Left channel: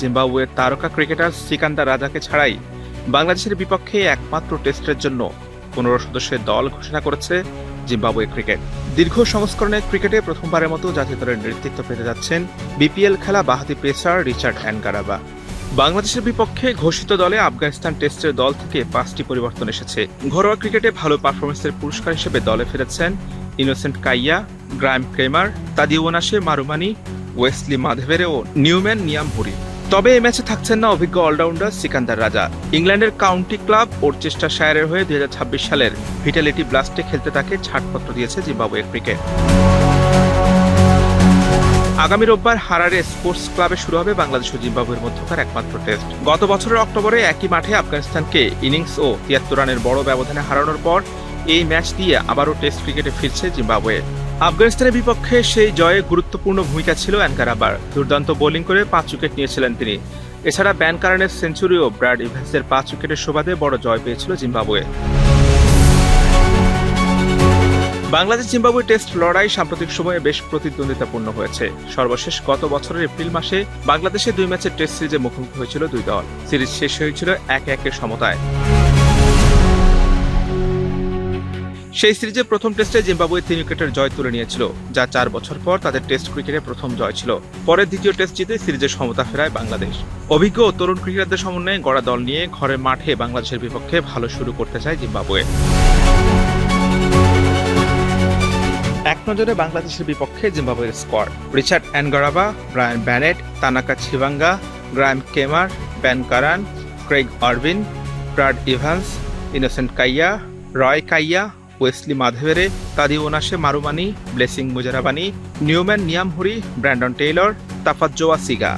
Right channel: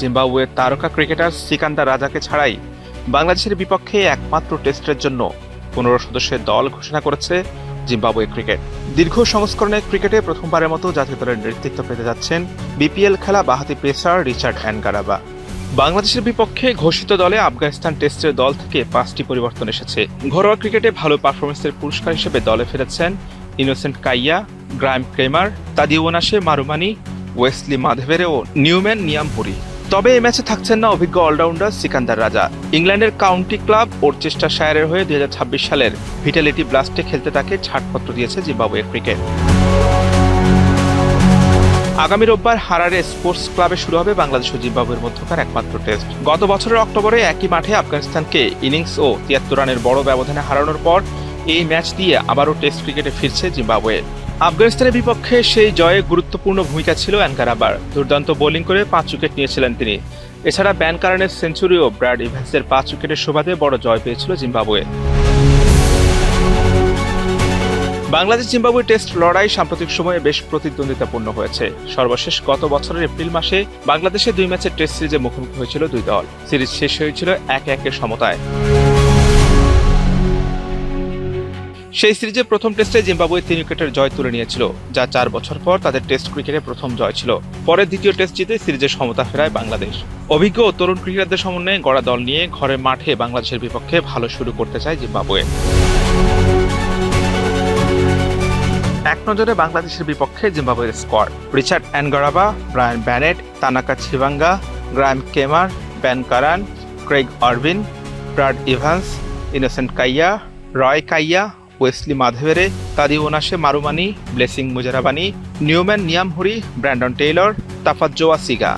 জিম্বাবুয়ের তারকা ক্রিকেটার সিকান্দার রাজাকে ছাড়াই বাংলাদেশের বিপক্ষে একমাত্র টেস্টের জন্য 15 সদস্যের দল ঘোষণা করেছে জিম্বাবুয়ে ক্রিকেট। দীর্ঘ সংস্করণের ক্রিকেটে প্রথমবারের মতো জাতীয় দলের নেতৃত্ব পেতে যাচ্ছেন বিপিএল খেলা বাঁহাতি পেসার রিচার্ড অ্যানগারাবা। বাংলাদেশের বিপক্ষে ঘোষিত দলে আফগানিস্তান টেস্টের দল থেকে 5টি পরিবর্তন এসেছে। ঘরোয়া ক্রিকেটে ভালো পারফরমেন্সের পুরস্কার হিসেবে দলে ফিরেছেন Innocent Kaia, Graeme Cremer, Tadiwanashe Marumani, Wesley Madhevere ও নিউম্যান নিয়ামহুরি। তবে এই ম্যাচে থাকছেন না অভিজ্ঞ অলরাউন্ডার সিকান্দার রাজা। ইংল্যান্ডের কাউন্টি ক্লাব ওরচেস্টারশায়ারের হয়ে 2026 সালের ভিটালিটি ব্লাস্টে খেলতে তাকে ছাড়পত্র দিয়েছে জিম্বাবুয়ে ক্রিকেট। আগামী রোববার হারারে স্পোর্টস ক্লাবে শুরু হবে বাংলাদেশ ও জিম্বাবুয়ের মধ্যকার একমাত্র টেস্ট। গত বছরের অক্টোবরে একই মাঠে আফগানিস্তানকে ইনিংস ও 73 রানের বড় ব্যবধানে হারানোর পর এই ম্যাচ দিয়ে আবারও টেস্ট ক্রিকেটে ফিরছে জিম্বাবুয়ে। আফগানিস্তানের বিপক্ষে সেই জয়ে গুরুত্বপূর্ণ ভূমিকা ছিল অ্যানগারাবার। দুর্দান্ত বোলিং করে 5 উইকেট নিয়েছিলেন তিনি। এছাড়া ব্যান কারেনের সেঞ্চুরি ও ব্র্যাড ইভান্সের 5 উইকেটের সুবাদে বড় জয় পেয়েছিল জিম্বাবুয়ে। বাংলাদেশ জিম্বাবুয়ে টেস্ট লড়াই সাম্প্রতিক সময়ে বেশ প্রতিদ্বন্দ্বিতাপূর্ণ হয়েছে। সর্বশেষ গত বছরের এপ্রিল মাসে বাংলাদেশে 2 ম্যাচের টেস্ট সিরিজে মুখোমুখি হয়েছিল দুই দল। সিরিজ শেষ হয়েছিল 1-1 সমতায়। সেই সিরিজে প্রথম টেস্টে জিম্বাবুয়ে 3 উইকেটের জয় তুলে নিয়েছিল, যা 4 বছর পর তাদের টেস্ট ক্রিকেটে প্রথম জয় ছিল। পরে দ্বিতীয় টেস্ট জিতে সিরিজের সমতা ফেরায় বাংলাদেশ। অভিজ্ঞ ও তরুণ ক্রিকেটারদের সমন্বয়ে গড়া দল নিয়ে ঘরের মাঠে বাংলাদেশের বিপক্ষে ভালো শুরু করতে চায় জিম্বাবুয়ে। এক নজরে বাংলাদেশের বিপক্ষে জিম্বাবুয়ের squad: Richard Ngarava, Brian Bennett, Tanaka Chivanga, Graeme Cremer, Ben Curran, Craig Ervine, Brad Evans, Innocent Kaia, Roy Kaia, Wesley Madhevere, Tadiwanashe Marumani, Blessing Muzarabani, Newman Nyamhuri, Brandon Taylor, Tafadzwa সিগা।